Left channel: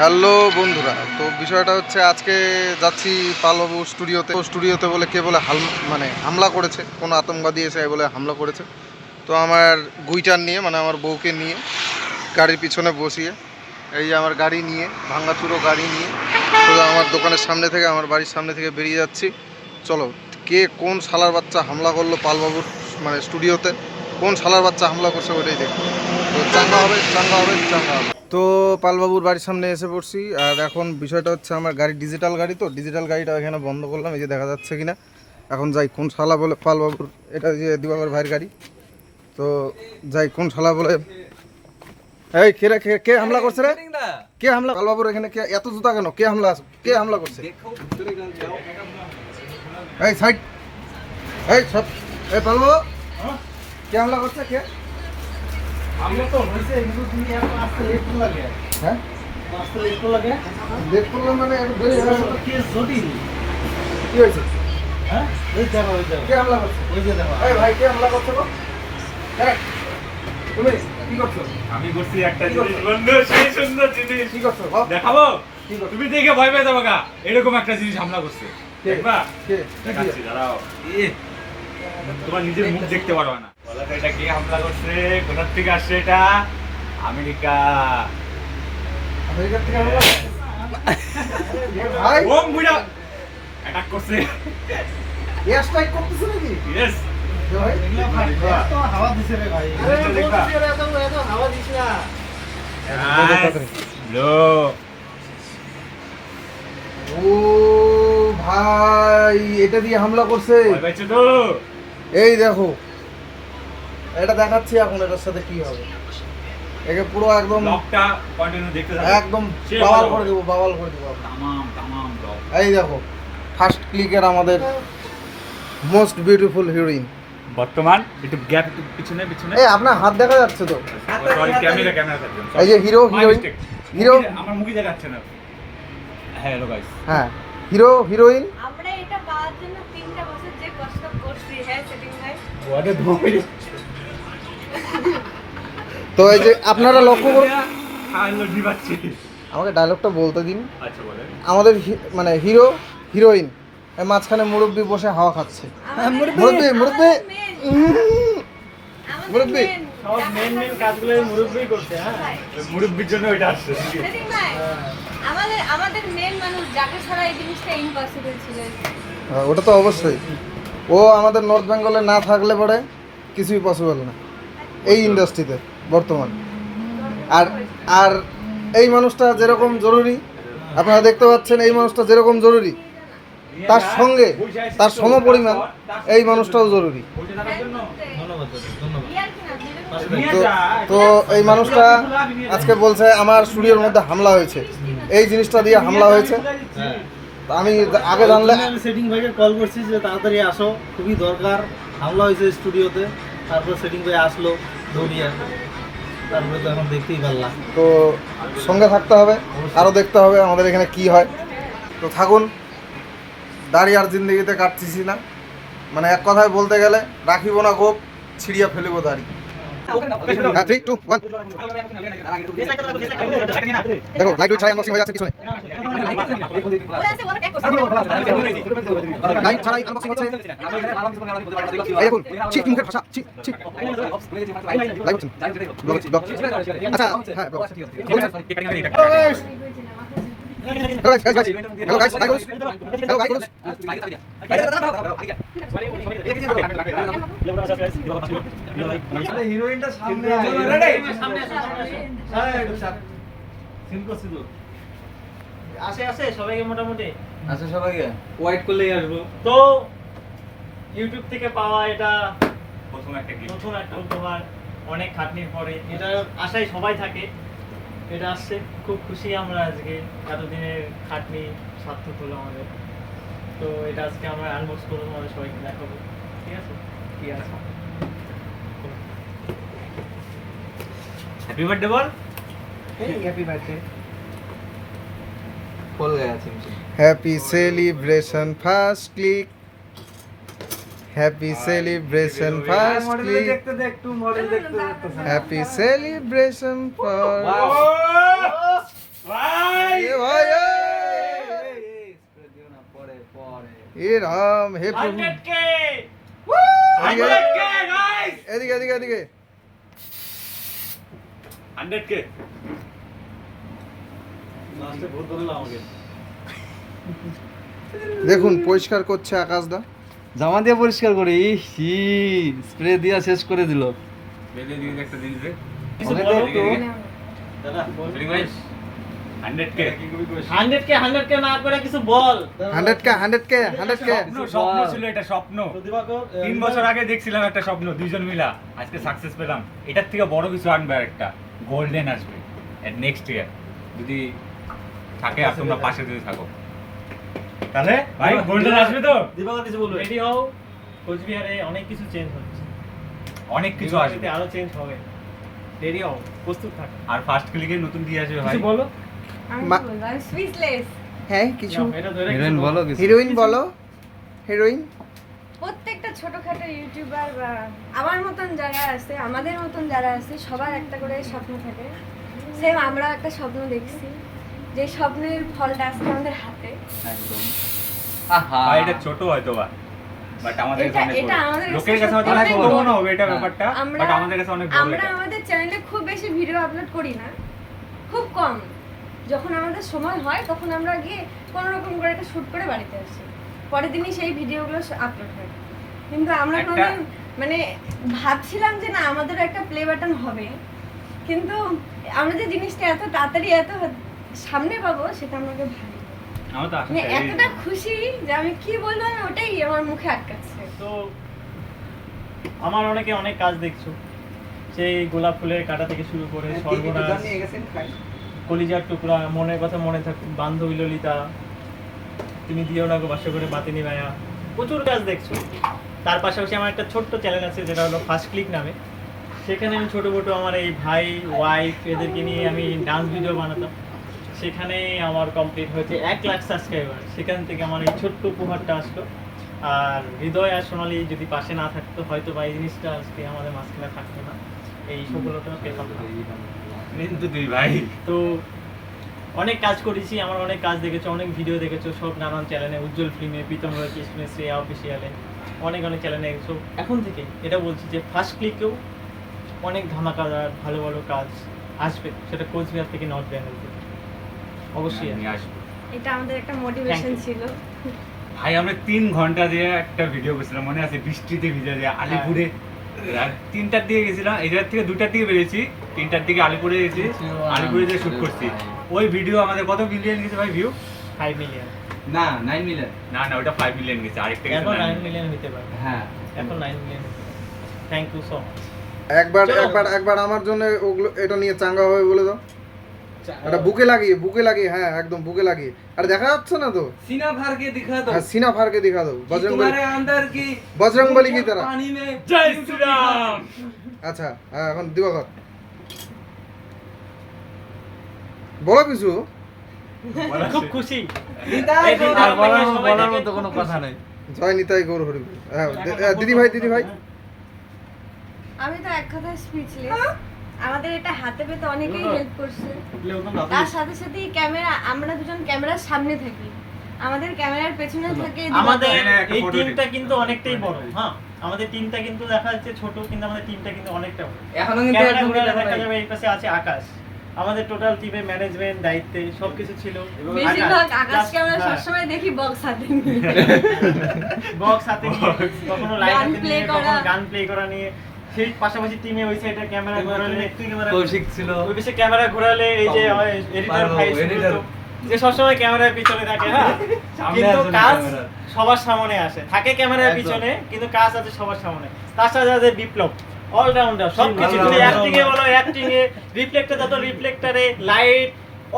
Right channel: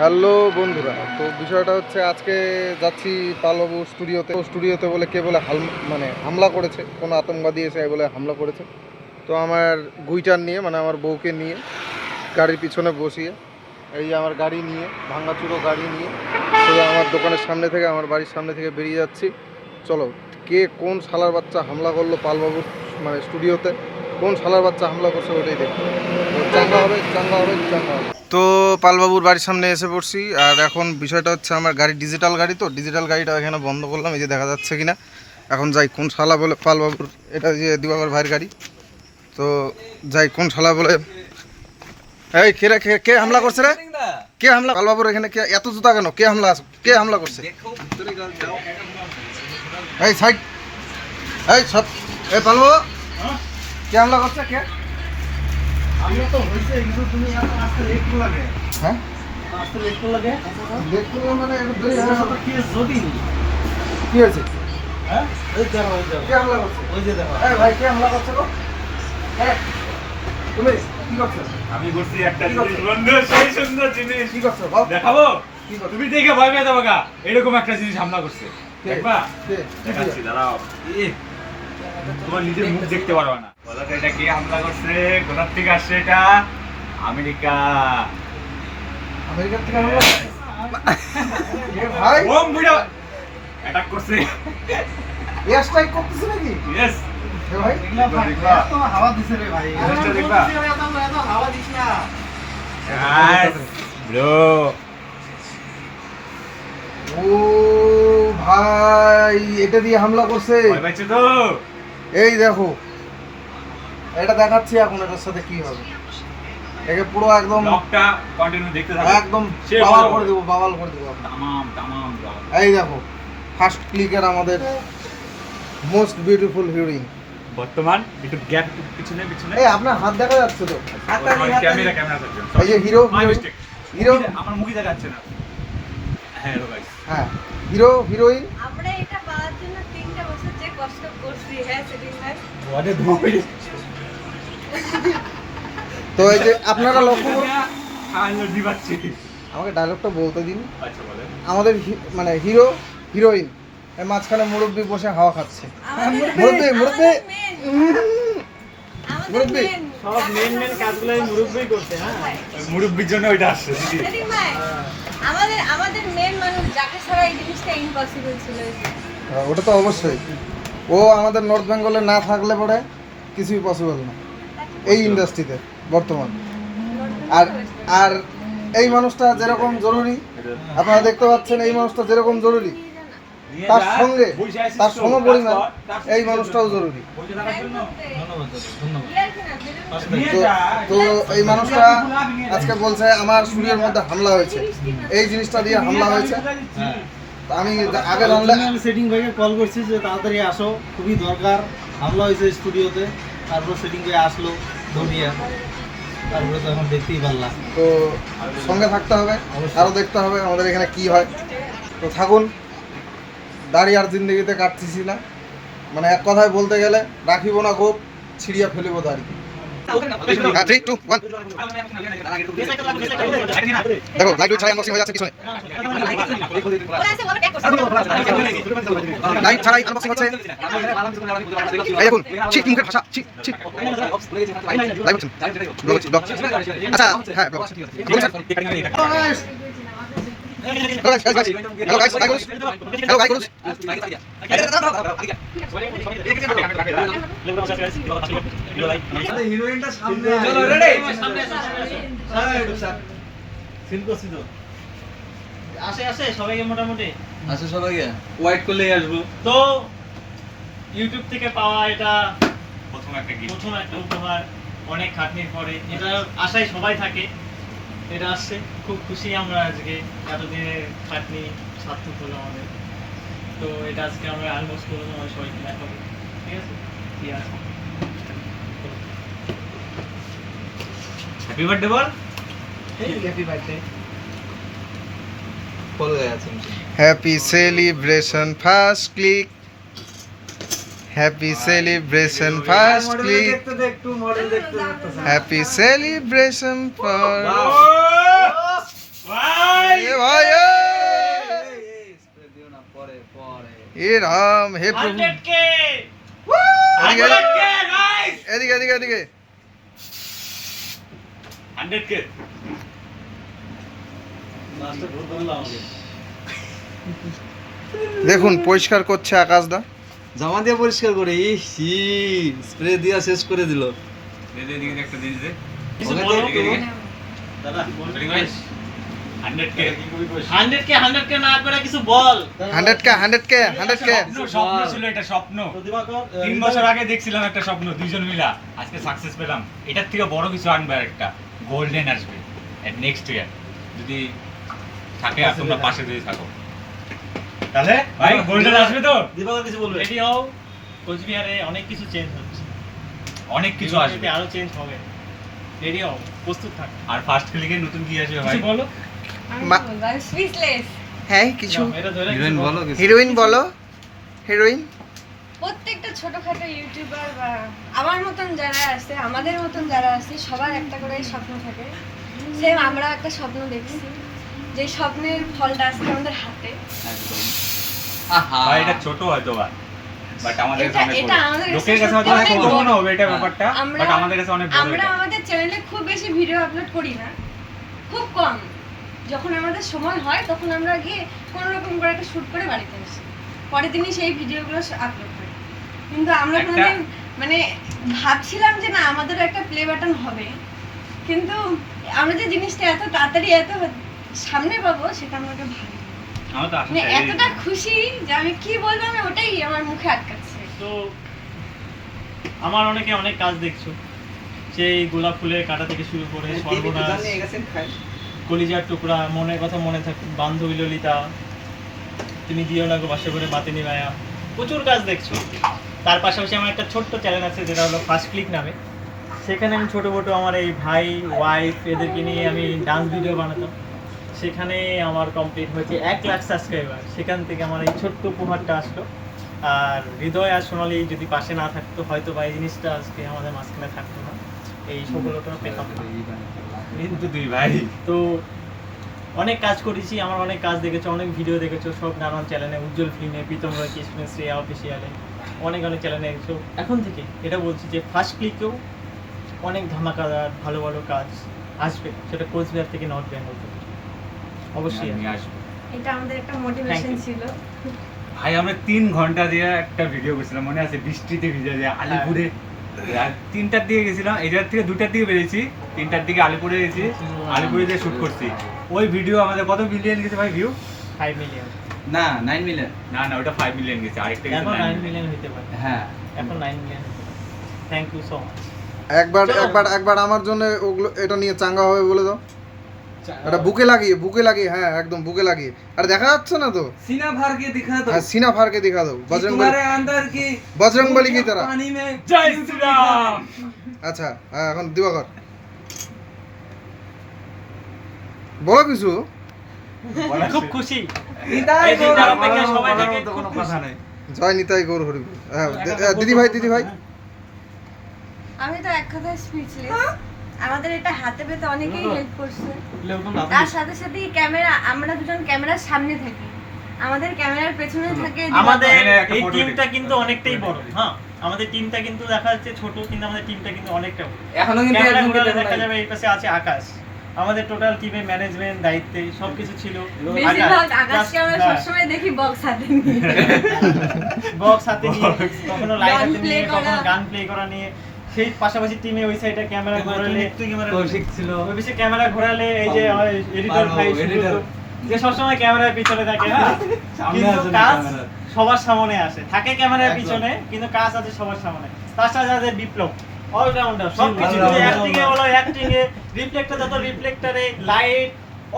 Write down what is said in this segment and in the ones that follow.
Hello বন্ধুরা, তো বিষয়টা হচ্ছে আজকে যাচ্ছি পালবাবু স্টুডিওতে বলে কে বলে হামলা করেছে, কোনো আতঙ্কবাদী এসে বলে হামলা করেছে। তো আমার গুইটার নিয়ে আমার বউকে নিয়ে গাড়ির পিছনে বসিয়ে এই যে আমার গাড়ি নিয়ে ভাঙ্গাচুরো গাড়ি নিয়ে সোজা আমার দোকানের সামনে থেকে আমার বাড়ির সামনে থেকে বেরিয়ে যাচ্ছি। চলো, কে কোন শালার বাচ্চা হামলা করলো পালবাবুর স্টুডিওতে, কোন শালার বাচ্চা হামলা করছে ওটাই দেখো। তো চাঙ্গা হবে চাঙ্গা হবে চাঙ্গা হবে। তো পালবাবুর বাড়ির সামনে এসে পড়ছি। আর এখন বিষয়টা হচ্ছে আমার গাড়ি ডিজিটাল গাড়ি, তো ডিজিটাল গাড়িটা এখানে বন্ধ করলাম, এই যে দেখা যাচ্ছে কিনা। এখন যাই কোন শালা বলে পালবাবুর, এটা যে দিবাকর ভাইয়ের গাড়ি। তো যাই কোন শালা বলে, এই কে রে, কে হামলা করছে রে? কে হামলা পালবাবুর এখানে? কে এত জুতা কেন? কে হামলা করছে? এই সাইড, এই সব, এই পালবাবু কে হামলা করছে? কে আমরা তো হইছে কিন্তু তুমি এখন আসতে লেট করে লাগে। হ্যাঁ আসতে লেট করে লাগে। লেট করলাম মানে একটু দেরি হয়ে গেল। কি যদি কি হয়েছে? হ্যাঁ এই দেখো এই দেখো কে হামলা করছে? ওই যে দেখো। এই ভাই কে হামলা করছে গো? এই তুমি কি করছো? আমি করছি একটা জিনিস বন্ধু, সেই সুন্দর জিনিস কি করছো বাপ? দেখাবো। কি করছো? তুমি দেখে ভয় পেয়ে যাবে গা, এরকম একটা জিনিস হামলা করছে। কে? দেখবা? কে? দেখাচ্ছি, দাঁড়াও। তোমার নিজের মুখ দেখতে পারবা না। বলো তো এটা কে হামলা করছে, কোথার থেকে আসছে এটা? আমেরিকা। আমেরিকা থেকে হামলা করছে? এ ভাই বোম বুড়া অ্যাটাক করছে। এয়ার স্ট্রাইক করতেছে নাকি? ইয়েস। এ ভাই এগুলা ভাই এত হাওয়া দিছে রে ভাই। জিনিসটা দেখবা? এত হাওয়া দিছ না। ব্রো, ও ভাই এটা দিয়ে হামলা করছে। ভয় পাইছো তো? এই দেখো, এটা দেখাচ্ছি এখন এটার সাথে কি হবে। একে পুরো একদম ব্লগটা কন্টিনিউ দেখতে থাকো। একদম সে বাওয়াল ভালো। করে দেবো, বাওয়াল করে দেবো। তামাম ব্লগ। এই দেখো, ফার্স্ট ক্লিকের আমাদের মোস্ট বিউটিফুল হিরোইন। বর্তমান একটু গ্যাপ পিছনে পিছনে। এই আপনার হাত দেখা যাচ্ছে তো? ক্যামেরা থাকবে। এই যে হিরো হিরো আমার মুখই দেখা যাচ্ছে না। হ্যাঁ হ্যালো গাইস। হ্যাঁ, হিরোইন। আমরা এটা পাওয়ার জন্য 3টা বছর যে কষ্ট করছি, হ্যাঁ সেদিন ভাই। তো এই যে আপনারা লক্ষ্য করুন, হ্যালো দিবাচ্ছি। আমাকে ডায়লগটা বলতে দিন। আচ্ছা বলেন। আমাদের হিরোইন এর মাঝখানে মুরব্বি বসে হাওয়া খাচ্ছে। মুরব্বি মুরব্বি মুরব্বি সব মেন কাজগুলো এই মুরব্বিই করতে। হ্যাঁ মুরব্বির জন্য ওইটা আসছে। সেদিন ভাই, আমাদের মেন মানুষ যাকে ছাড়া এই জিনিসটা ইম্পসিবল ছিল। ওটা তো অবশ্যই, ও আমাদের নর্থ বেঙ্গলে না থাকলে পরে কিছুই পসিবল না এই ইন্ডাস্ট্রিতে বর্তমান। আর আর এই মানুষটা যেরকম জরুরি, আপনারা দেখতে পাচ্ছেন, এই মানুষটা যেরকম জরুরি তার সঙ্গে তার সমপরিমাণ এই মানুষটাও জরুরি। ধন্যবাদ ধন্যবাদ। তো এই মানুষটা আজকে বলছে আমার স্টুডিওর মধ্যে হামলা হয়েছে, এই জিনিসটা দিয়ে হামলা হয়েছে। হ্যাঁ তো আমি আগে জানলে আমি সেটিং ভাইকে কল করছি যে তাড়াতাড়ি আসো, খুবই দরকার। হামলা হয়েছে স্টুডিওতে, তারপর সেটিং ভাই আসলো দৌড়িয়ে। তারপরে তো এখন দেখতেই পারলাম। তো সঙ্গে থাকতে হবে, আরও দেখতে হবে আমাদের এখানে কি হয়। তো থাকুন, দাড়ি আর জিন্দগিতে কাটতেছি না, এক কথায় বলতে গেলে রাখিব না কোপ, ছিড়িয়া ফেলিব দাড়ি। হ্যাঁ, 3, 2, 1 দেখো লাইট ছাড়াই আনবক্সিং হয়ে যাচ্ছে পিছনে। লাইট ছাড়াই আনবক্সিং হচ্ছে। এই দেখুন, ঠিক মুখের ভাষা, ঠিক ঠিক লাইভ হচ্ছে, ব্লগ হচ্ছে, ব্লগ। আচ্ছা হ্যাঁ, ব্লগ হচ্ছে। Hello guys, hello guys, hi guys, hello guys. হিরোইনটা সামনে চলো রেডি সামনে সিন করছি তো আসে সবাইকে মোটামুটি আচ্ছা সবাইকে ওয়াইট করলেই আসবো। তো ইউটিউব থেকে পাওয়া এটা প্রথম একটা গিফট। প্রথম একটা উপহার, অনেক খাটনির পরে। এটা আশায় সবাই থাকে, এটা আসছে। খুব খুশি আমরা আজকে, এতদিনের খাটনি সার্থক হলো আমাদের। তো এটা আজকে আমরা আনবক্স করবো, আমাদের সবাইকে দেখাবো। ঠিক আছে, কি আছে? হ্যাপি বার্থডে বল। Happy birthday. खोल गया सिम से Happy celebration first click, happy celebration first click, একটু মডেল দেখতে happy celebration for ভাই এ রাম, হে প্রভু। 100K এদিকে, 100K guys, এদিকে এদিকে এদিকে 100K। দেখুন পরিষ্কার করছে আকাশদা। জামা দিয়ে পরিষ্কার করে স্প্রে দিয়ে শেষ করে দিল। এদিকে একটা জিনিস দে। কিছু হবে বলো তো? কেউ? দাদা, বলি guys, 100K। 100K না করে কিছু বল। 100K 100K স্বপ্ন ছিল এটা, স্বপ্ন। 3 বছর আগে দেখছিলাম একটা স্বপ্ন, দুইজন মিলা আজকে সাকসেস পেলাম। এটার থেকে বড় কিছু আনবে, আর একটা গোল্ডেন আসবে নেক্সট ইয়ার, যদি থাকে আর তোমরা পাশে যদি থাকো, তাহলে ভাই গোল্ডেন আসবে তো। রেডি হও, কোচবিহারে অনেক কিছু চেঞ্জ হচ্ছে, অনেক কিছু আসবে, আরো চেঞ্জ হবে। রেডি হও, প্রস্তুত থাকো। আর ফার্স্ট ক্লিকে নতুন কি আসবে ভাই? কিছু বলো। আমি মা- বলবো, আমি স্পিচলেস। হ্যাঁ কিছু নাও, এটা ধরে হিরোইন কিছু বলো বলো। কিছু। হিরোইন বলো, হিরোইন। প্রত্যেকটা ছোটখাটো ইউটিউবার বা আমার মতন যারা আছে, আমাদের মতন যারা আছে, সবার একটা করে স্বপ্ন থাকে। সেম আমরা একটা স্বপ্ন দেখছি, যে স্বপ্নের ফলটা আজকে আমাদের হাতে। ভাই এটা ছোট হয়তো বা, বাট আমাদের কাছে অনেক এটা বড়। আমাদের কাছে লোকের কাছে হয়তো অনেক অনেক ছোট বড়। মনে হবে এটা ব্যাপারটা, আমরা- বাট আমাদের কাছে অনেক বড় আমরা এটা। আমাদের চ্যানেলে খুব বেশি ভিডিও আপলোড করি না, খুব কম। যখন আমাদের সময় হয় তখন আমরা গিয়ে কোনো রকম করে একটা শুট করে বাড়িতে আসি, পরের দিনই সেই ভিডিওগুলো আপলোড হয়। কিন্তু আমরা একটা- কোনোদিন মানে ভাবছিলাম যে না আমাদেরও একটা প্লে বাটন হবে, কিন্তু আমরা যে জিনিসটা এত তাড়াতাড়ি এত সামনে পাবো সেটা আমাকে ভাবি আমার তো আশা মানে ছেড়েই এতটা দিই। খুশি যে আমি কি বলবো, আমি ওটাই আমার মুখে আটকাচ্ছে। তো আমার অনেকে অনেক কাজ দেখছো, সেই গোলাপ ফুলের কাটা থেকে শুরু করে সর্বনাশ, কলিজার টুকরা, মনের কথা মনে থাকে, বান্ধবী ললিতা, তুমি দিও না গো বাসা করে বাতিনি মায়া, প্রচুর কাজ দেখছো। তার পাশাপাশি আমার একটা ছোট্ট চ্যানেল আছে যেটা হলো ফার্স্ট ক্লিক নামে। সেখানে আমি ছোটো মোটো আমার এই ভাই ওয়াইফ এদেরকে নিয়ে আমি ডান্স ভিডিও বানাতাম। সেখানে আমার কমপ্লিট হয়েছে 1 লাখ সাবস্ক্রাইবার। সেখান থেকে আমার এই ছোট্ট উপহারটা আসলো। আর হৃদয় আর সোনালি যদি পাশে না থাকতো হয়তো বা এই জিনিসটা আজকে আমাদের মাঝখানে থাকতো না, এই সফলতা পেতাম না। কিন্তু দুই ভাই তো অনেক কাজ করেছি, আমার অনেক কাজ দেখেছো, অনেক ভিডিও দেখেছো, সব নানান চ্যানেলে, উজ্জ্বল ফিল্মে, প্রীতম রয় কৃষ্ণে, শ্রেয়া অফিসিয়ালে, অনেক চ্যানেলে দেখেছো। এখন থেকে এটা বলছি যে ফার্স্ট ক্লিকেও অনেক ধামাকাদার ভালো ভালো কাজ আসবে, সেটা কোচবিহার থেকে নর্থ বেঙ্গল থেকে অবশ্যই আসবে। নিয়ে আসবো। এটা আমাদের একটা মোটিভেশন Thank you. ছিল। ভাই আমরা 3 ঘন্টা দিয়ে একটা ভিডিও করছিলাম, মনে আছে? বৃষ্টিতে ভিজে যায় আলিপুরে। আর 3টার দিকে গেছিলাম, এই জায়গা থেকে 2টার দিকে বেরিয়েছি, 3টার দিকে আলিপুরে গেছি, আলিপুরে যে শুট করছি। ওই ভিডিও আমাদের কত মিলিয়ন গেছে ভাই ভিউ? 5 মিলিয়ন, না 9 মিলিয়ন। না না, ওটা 5 মিলিয়ন গেছে, আরেকটা গেছে এখন 9 9 মিলিয়ন। মিলিয়ন হতে পারে, হ্যাঁ এখন 9 মিলিয়ন হতে পারে। Thank you so much. একবার চলো। একবার একবার আমার জন্য ওগুলো এটা নিয়ে চাঙ্গা হবে বলে দাও। এটা বুকে লাগিয়ে, হ্যাঁ একদম বুকে লাগিয়ে। আর দেখা যাচ্ছে না তো? सीना फाड़ के दिखा दो হ্যাঁ সিনা ফারকে দিখা দাও, বজরংবলী, तुम्हारे अंदर की বজরংবলী কি তারা। पानी में জয় শ্রীরাম। আচ্ছা হ্যাঁ, এখন দিবাকর বলো কিছু। খুব খুশি निताई এই দিনটার गौर। অপেক্ষায় সবাই থাকে, तो খুব কোনো খুশি। কথা নেই। জয় নিতাই গৌর হরি। হ্যাঁ দিদি ভাই আমি তো এক কথায় স্পিচলেস। আমাদের এটা হাতে পেতে অনেকেই হেল্প করছে। তার সাথে সাথে ক্যামেরা, আমরা দুজন ক্যামেরার সামনে থাকি, আমাদের ক্যামেরার পেছনে থাকে আমাদের এখানে একটা এই photo টিমটা কিন্তু অনেকটাই বড়। হ্যাঁ, আমাদের টিমটা কিন্তু দেখা যাচ্ছে ছোট, কিন্তু আমাদের টিমটা কিন্তু অনেকটা বড়। এখনো কিন্তু ক্যামেরা একজনকে ঘোরালে দেখা দেখা নাই। যাবে এই পাশে আছে আকাশ। আমাদের টোটাল টিমের ম্যানেজমেন্ট দায়িত্বে সবকিছু ছিল। বেশিরভাগ আকাশকে আমরা হ্যাঁ। সবসময় দেখি বক্স হাতে নিয়ে। বক্স হাতে নিয়ে, কখনো লাইট গান হাতে play নিয়ে, কখনো করা। গান প্লে করা নিয়ে। সেই পাশাপাশি টিমে ওই সাইডে ক্যামেরা ঘোরালে, কৌশিক ছিল। ওই পাশে ক্যামেরা ঘোরালে এই যে এডিটর ভাই editor। যে সবসময় ক্যামেরার পিছনে থাকে, হ্যাঁ। সামনে কিন্তু আসে না কাজ ক্যামেরা। সবার সামনে আসে, থাকে ক্যামেরার একদম। পিছনে, কিন্তু কাজ আছে সবার সামনে। তার সাথে আছে বিপ্লব, অলরাউন্ডার, সবকিছু। all-rounder। অ্যাক্টিং এ বলো, অ্যাক্টিং এ, রিফ্লেক্টর যত রিফ্লেক্টরে, লাইট,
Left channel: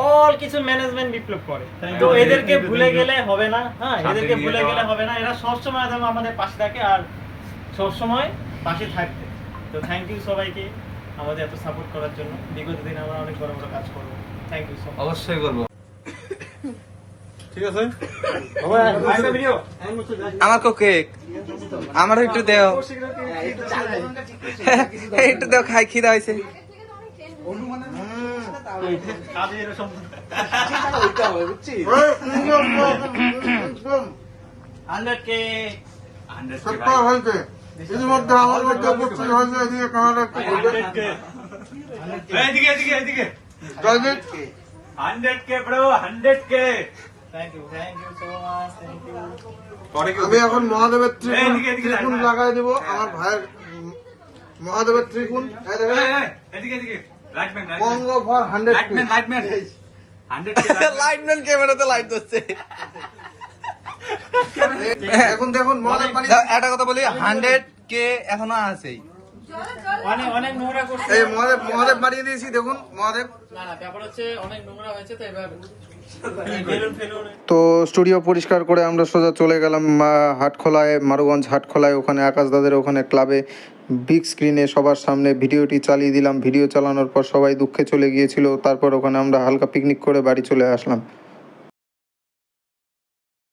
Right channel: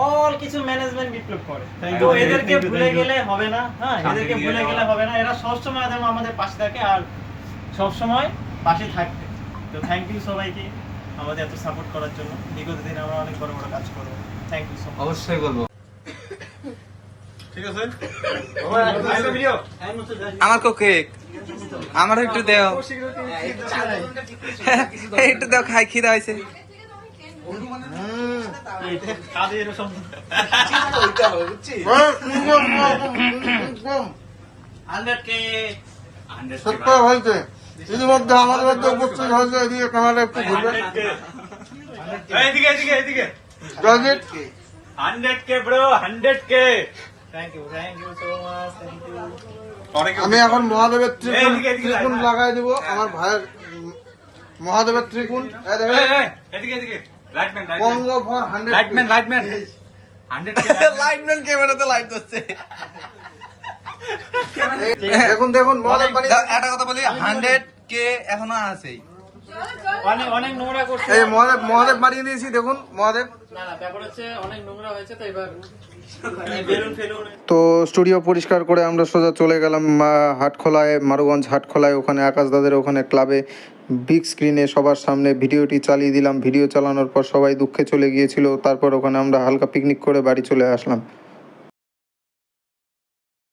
অল কিছু ম্যানেজমেন্ট বিপ্লব করে। তো you, এদেরকে thank you, ভুলে thank you। গেলে হবে না, হ্যাঁ, সাথে এদেরকে নিয়ে ভুলে যাওয়া। গেলে হবে না। এরা সবসময় যেন আমাদের পাশে থাকে আর সবসময় পাশে থাকবে। তো থ্যাংক ইউ সবাইকে আমাদের এত সাপোর্ট করার জন্য। বিগত দিনে আমরা অনেক বড় বড় কাজ করবো। Thank you so much. অবশ্যই করব। আমাকে কেক আমার একটু দেও একটু দেও, খাই খিদা হয়েছে। কাজে এরা সম্পূর্ণ 100K 100K সত্তর হয়েছে ইতিমধ্যে আমাদের মধ্যে উপস্থিত হয়েছে এদিকে ক্যামেরা একটু ঘুরবে। এদিকে এদিকে এদিকে Joyjit 100K bro 100K thank you so much, thank you. আমি এখন মহাদেবের এদিকে, এদিকে, ত্রিকুণ এদিকে। লাগাই দেবো আমার ভাইয়ের মহাদেবের ত্রিকুণ এই দেখেন, এদিকে এদিকে লাইটম্যান কঙ্গ ফর 100 লাইটম্যান 100K লাইটম্যান ক্যামেরাতে লাইট ধরছে। দেখুন দেখুন মহাদেব বানিয়ে একটা কথা বলি 100K এখনো আছেই। অনেক অনেক নোংরা করছে। এই মহাদেব বানিয়ে দিয়েছি দেখুন মহাদেব। না না, ব্যাপার হচ্ছে অনেক নোংরা হয়েছে, তো এবার বেলুন ফেলুন। তো স্টুডিও পরিষ্কার করে আমরা সোজা চলে গেলাম হাটখোলায়, মারুগঞ্জ হাটখোলায়। ওখানে আকাশ দাদের ওখানে ক্লাবে বিগ স্ক্রিনে সবার সামনে ভিডিওটি চালিয়ে দিলাম। ভিডিও চালানোর পর সবাই দুঃখে চলে গিয়েছিল। তারপর ওখানে আমরা হালকা পিকনিক করে বাড়ি চলে আসলাম।